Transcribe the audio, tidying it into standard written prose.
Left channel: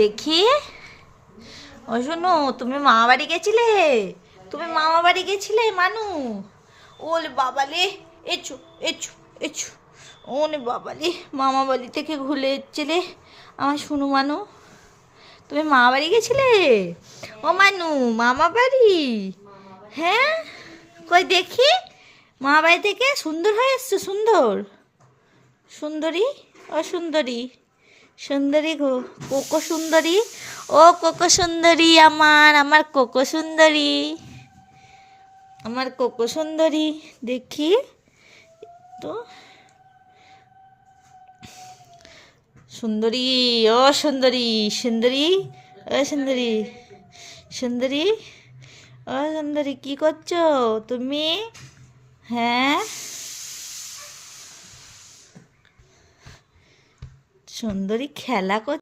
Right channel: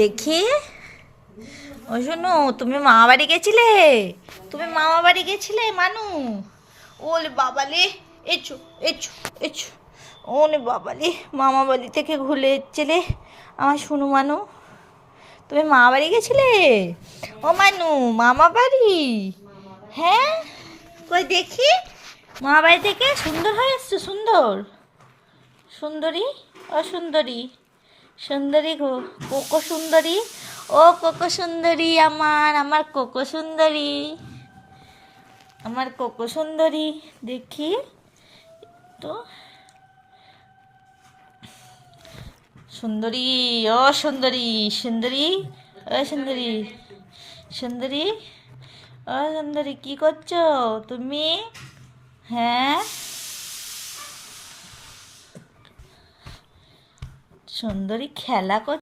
দেখি। ও শোনো, তুমি মামা বাড়ি গেছিলে? তুমি মামা বাড়ি গেছিলে মানু? ওলে বাবালে, এছো এছো এছো। ওলে বাবালে, মামা বাড়ি থেকে ঘুরে এসছিলে আমার শোনো মানু। তুমি মামা বাড়ি গেছিলে? ও মানু, মামা বাড়ি? হ্যাঁ, কই দেখি। মামা বাড়ি থেকে সুন্দর হয়ে এসছো, সুন্দর সুন্দরী। ও সুন্দরী, সুন্দরী গো, কোকো সুন্দরী। ও কোকো সুন্দরী, আমার আমার কোকো সুন্দরী, আমার কোকো সুন্দরী। দেখি তো, সুন্দরী। ও সুন্দরী, সুন্দরী। ও সুন্দরী, সুন্দরী। ও সুন্দরী, কি করছো তুমি? হ্যাঁ, সুন্দরী খেলা করছো।